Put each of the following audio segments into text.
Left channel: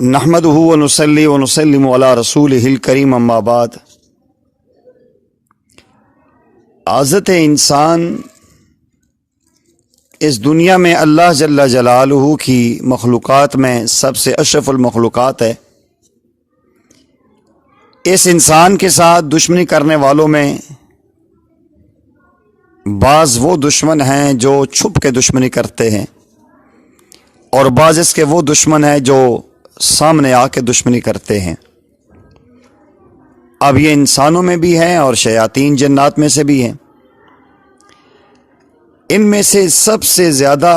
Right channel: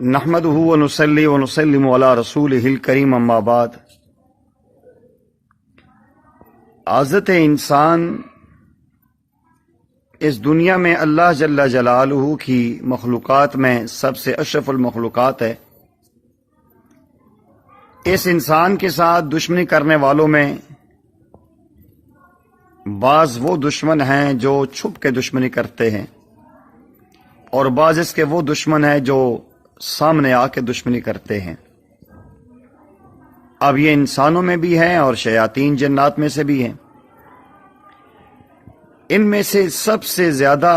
نحمده ونصلي ونسلم على رسوله الکریم اما بعد۔ عزت انسان اس دنیا میں اللہ جل جلالہ کی مخلوقات میں سب سے اشرف المخلوقات ہے۔ اس انسان کے ساتھ دشمنی کرنے والوں میں بعض وہ دشمن ہیں جو چھپ کے دشمنی کرتے ہیں، اور بعض اس کے وہ دشمن ہیں جو سامنے آ کے دشمنی کرتے ہیں۔ اب یہ انسانوں میں بھی ہیں اور شیاطین جنات میں سے بھی ہیں۔ ان میں سے سب سے زیادہ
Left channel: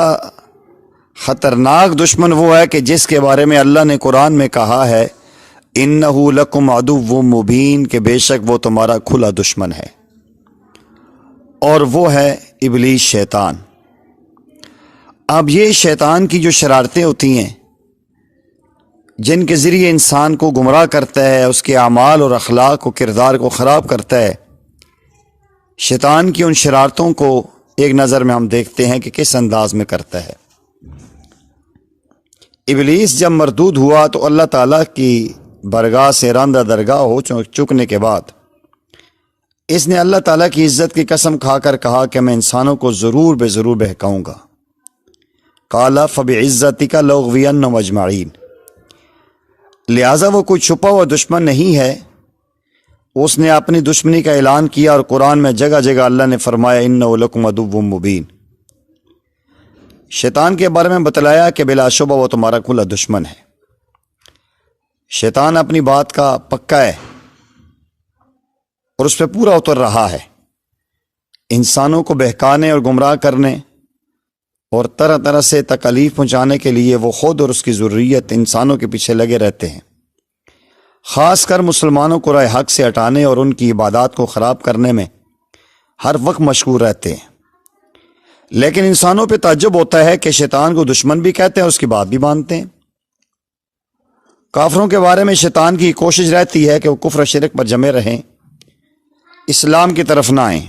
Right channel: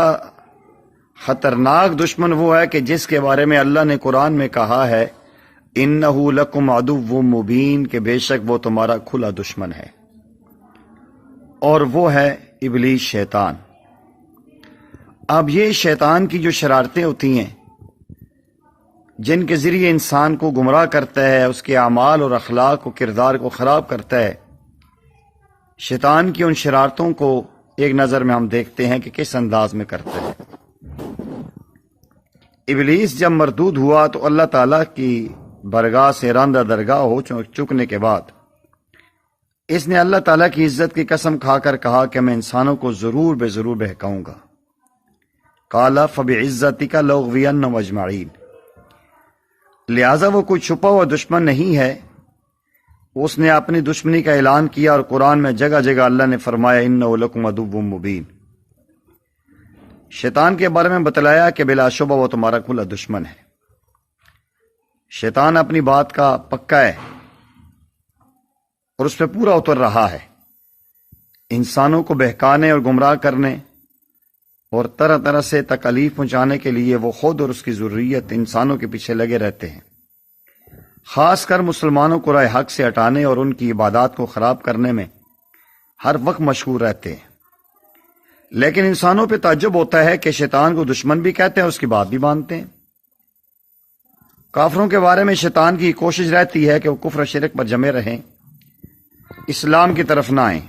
خطرناک دشمن وہ ہے کہ جس کے بارے میں اللہ نے قرآن میں کہا ہے اِنَّهُ لَكُمْ عَدُوٌّ مُّبِينٌ، کہ بے شک وہ تمہارا کھلا دشمن ہے، اور وہ ہے ابلیس، شیطان۔ اب یہ شیطان کی جو شرارتیں ہوتی ہیں جن کے ذریعے انسان کو گمراہ کرتا ہے، اس کے اعمال اور اخلاق و کردار کو خراب کرتا ہے، شیطان کی ان شرارتوں کو ایک نظر میں ہم دیکھتے ہیں کہ کس انداز میں کرتا ہے۔ ابلیس جب مردود ہوا تو اللہ تعالیٰ کی برگاہ سے راندہ درگاہ ہو چکنے کے بعد اس نے اللہ تعالیٰ کی عزت کی قسم کھا کر کہا کہ میں انسانوں کو ضرور بے ضرور بہکاؤں گا۔ قال فبعزتک لأغوینہم اجمعین، لہٰذا وہ کوئی چھپا ہوا دشمن نہیں ہے، اس نے اپنی دشمنی کا اعلان کیا، اور قرآن میں جگہ جگہ اللہ نے فرمایا انہ لکم عدو مبین۔ شیطان کے بارے میں بتلایا کہ بلا شبہ وہ تمہارا کھلا دشمن ہے۔ شیطان اپنی بات کا پکا ہے اور اس پہ پورا اتر رہا ہے، انسانوں کو بہکانے اور گمراہ کرنے اور طرح طرح سے تکلیف پہنچانے کے لیے وہ خود اور اس کی ذریت انسانوں کے پیچھے لگے رہتے ہیں، خاص کر مسلمانوں کو راہ حق سے ہٹانے اور ان کی عبادات کو خراب کرنے میں ہر وقت مشغول رہتے ہیں۔ لیکن انسانوں پہ تعجب ہوتا ہے کہ شیطان کو دشمن بھی کہتے ہیں، اس کی بات بھی مانتے ہیں۔ کافروں کے بارے میں شیطان کی کوشش رہتی ہے کہ وہ کفر و شرک پر جمے رہیں، اسلام کی طرف نہ آئیں،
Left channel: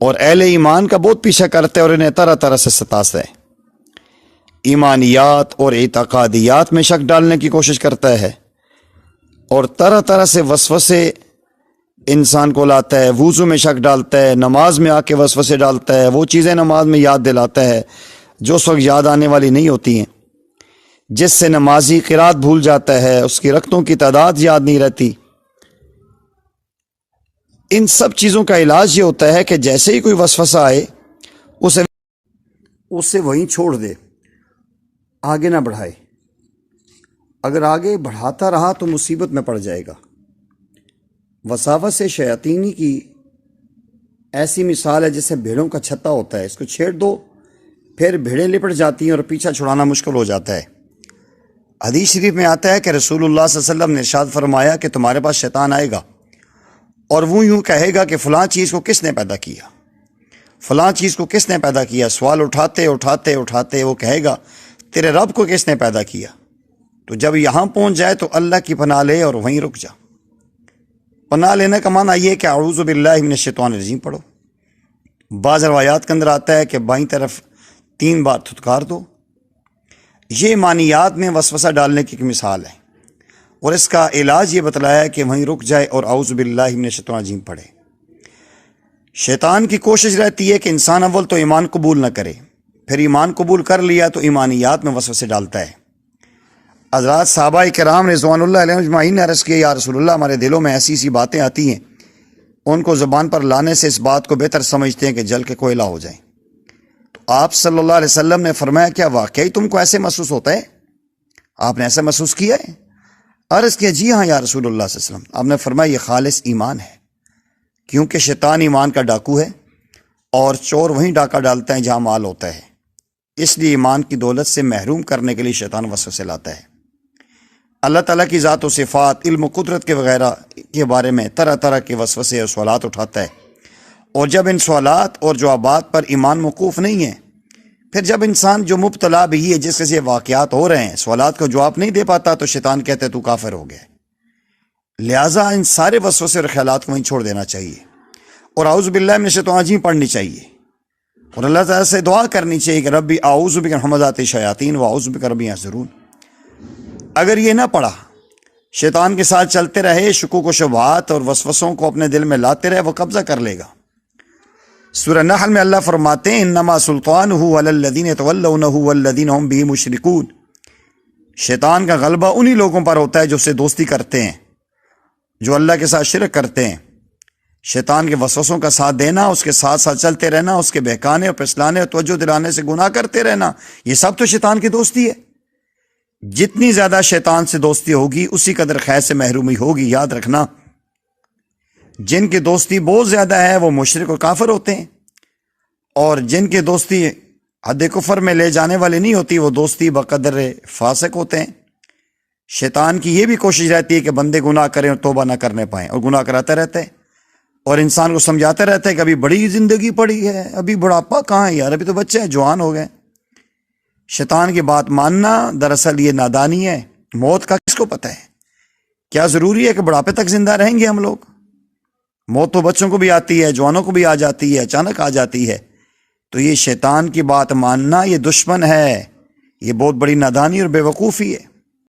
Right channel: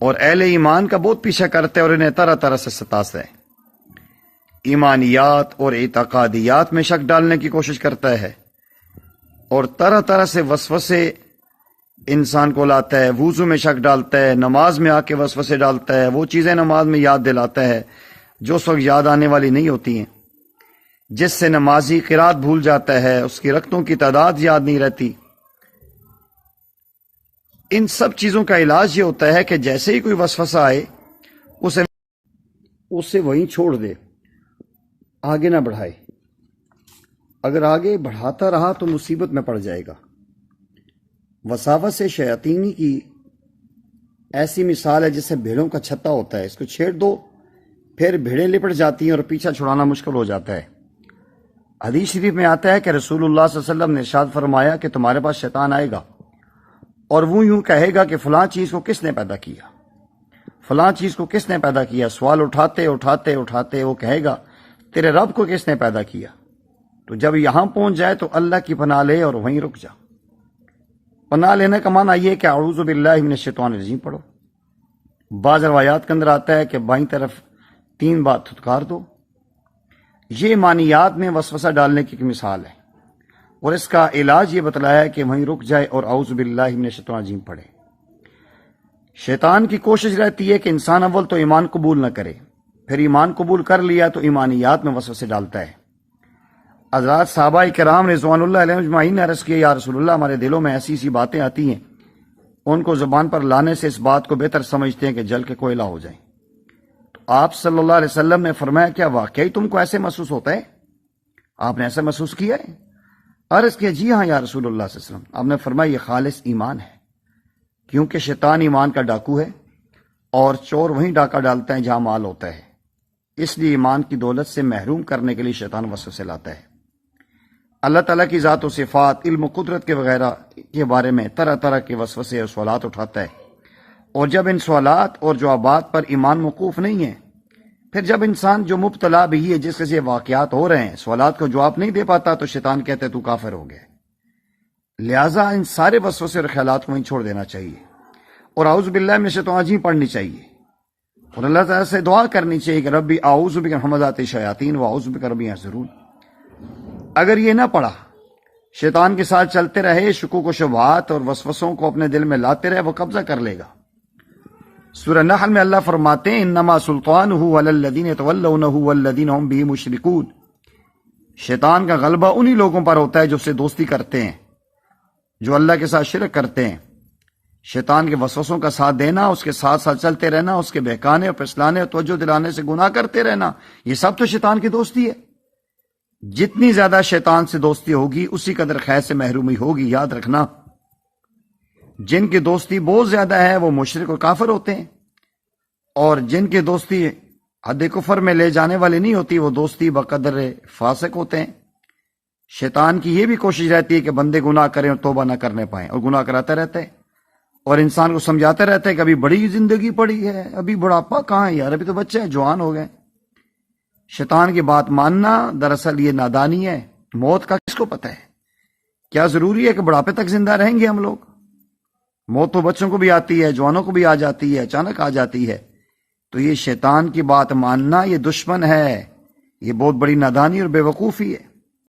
اور اہل ایمان کا بہت پیچھا کرتے ہیں اور انہیں طرح طرح سے ستاتا ہے، ایمانیات اور اعتقادیات میں شک ڈالنے کی کوشش کرتا ہے، اور طرح طرح سے وسوسے انسان کو لاتا ہے، وضو میں شک ڈالتا ہے، نماز میں آ کے وسوسے ڈالتا ہے، وہ چیزیں نماز میں یاد دلاتا ہے جو اس وقت یاد آنے والی نہیں ہوتی ہیں، جس سے نمازی قرات بھول جاتا ہے، اس کی رکعتوں کی تعداد یاد نہیں رہتی۔ ان سب چیزوں کا علاج یہ ہوتا ہے کہ جیسے ہی کوئی وسوسہ آئے اسے وہیں چھوڑ دے، آگے نہ بڑھائے۔ اگر آگے بڑھاتا رہا تو مصیبت میں پڑ جائے گا۔ وساوس سے شیاطینی کی ایسی مثال ہے جیسے بھیڑوں کا چھتا ہوتا ہے، اس کو چھیڑ دو پھر بھیڑیں لپٹ جاتی ہیں اور پیچھا چھڑانا مشکل ہو جاتا ہے۔ حدیث شریف میں آتا ہے کہ رسول اللہ صلی اللہ علیہ وسلم نے ارشاد فرمایا کہ تمہارے پاس شیطان آئے گا اور وہ یوں کہے گا کہ فلاں چیز کو کس نے پیدا کیا، فلاں چیز کو کس نے پیدا کیا۔ سوال اٹھاتے اٹھاتے اٹھاتے وہ کہے گا تیرے رب کو کس نے پیدا کیا۔ تو جب یہاں پہنچ جائے تو اللہ کی پناہ لے اور وہیں رک جا۔ پناہ لینے کا معنی یہ کہ اعوذ باللہ من الشیطان الرجیم پڑھو۔ بعض روایات کے اندر آتا ہے کہ بائیں طرف 3 بار تھتکار دو۔ یہ معنیات میں وسوسہ ڈالنے کی ایک مثال ہے، اور اس کا علاج یہ بتلایا کہ وہیں رک جائے اور اعوذ باللہ من الشیطان الرجیم پڑھے۔ شیطان کی کوشش رہتی ہے کہ انسان اول تو ایمان قبول نہ کرے، پھر ایمان قبول کر لیا تو ایمانیات میں وسوسے ڈالتا ہے۔ حضرات صحابہ کرام رضوان اللہ علیہم اجمعین نے عرض کیا یا رسول اللہ، ہمارے دلوں میں ایسی سی باتیں آتی ہیں، ان کو زبان پر لانے سے اس بات کو بہتر سمجھتے ہیں کہ جل کے کوئلہ ہو جائیں۔ تو آپ صلی اللہ علیہ وسلم نے فرمایا کیا واقعی تم کو ایسے محسوس ہوتا ہے؟ آپ نے ایسا محسوس کیا ہے؟ عرض کیا جی ہاں یا رسول اللہ صلی اللہ علیہ وسلم۔ آپ نے فرمایا یہ خالص ایمان ہے، کیونکہ شیطان ایمان کا ڈاکو ہے اور چور وہیں ڈاکہ ڈالتا ہے جہاں مال ہوتا ہے، اس لیے ایمان کی دولت سے محروم کرنے کے لیے شیطان وسوسے لاتا ہے۔ اللہ تعالیٰ کی ذات و صفات، علم و قدرت کے وغیرہ کے بارے میں طرح طرح کے وسوسے اور سوالات اٹھاتا ہے، اور جب ان سوالات اور جوابات پر ایمان موقوف نہیں ہے، پھر جب انسان جو مبتلا بھی ہے جس سے واقعات ہو رہے ہیں سوالات کو جواب نہیں دے پاتا تو شیطان کہتے تو کافر ہو گیا۔ لہٰذا ان سارے وسوسے اور خیالات کو وہیں چھوڑ دینا چاہیے، اور اعوذ باللہ من الشیطان الرجیم پڑھنی چاہیے، اور اللہ تعالیٰ سے دعا کرنی چاہیے کہ ربی اعوذ بک من ہمزات الشیاطین و اعوذ بک رب ان یحضرون۔ اگر یہ نہ پڑھا، شیطان کے ساتھ چلتے رہے، شکوک و شبہات اور وسوسوں کو اپنے دل میں لاتے رہے، وہ قبضہ کر لے گا۔ سورہ نحل میں اللہ فرماتے ہیں انما سلطانہ علی الذین یتولونہ والذین هم بہ مشرکون، شیطان کا غلبہ انہی لوگوں پر ہوتا ہے جو اسے دوستی کرتے ہیں، جو اللہ کے ساتھ شرک کرتے ہیں۔ شیطان کے وسوسوں کا ساتھ دینا، اس کے ساتھ ساتھ چلتے رہنا، اس کے بہکانے اور پھسلانے اور توجہ دلانے سے گناہ کرتے رہنا، یہ سب تو شیطان کی دوستی ہے۔ جتنی زیادہ شیطان سے دوستی ہوگی اسی قدر خیر سے محرومی ہوگی۔ یاد رکھنا، جن کی دوستی بہت زیادہ ہے وہ مشرک اور کافر ہوتے ہیں، اور جن کی دوستی حد کفر میں لے جانے والی نہیں ہوتی وہ دوستی بقدر فاسق ہوتے ہیں۔ شیطان کی یہ بھی کوشش رہتی ہے کہ بندے گناہ کریں اور توبہ نہ کرنے پائیں، اور گناہ کراتا رہتا ہے اور انسان کو سمجھاتا رہتا ہے کہ ابھی بڑی زندگی پڑی ہے، ابھی بڑھاپا کہاں ہے یار، ابھی تو بچے ہیں، جوان ہو گئے۔ شیطان کی بات ماننا دراصل یہ نادانی ہے۔ موت کا کس کو پتہ ہے؟ کیا ضروری ہے کہ بڑھاپے تک زندہ رہیں گے ہم لوگ؟ موت تو بچوں کو بھی آتی ہے، جوانوں کو بھی آ جاتی ہے، اچانک آ جاتی ہے۔ تو یہ شیطان کی بات ماننا یہ دشمن ہے، یہ بہت بڑی نادانی اور بے وقوفی ہے۔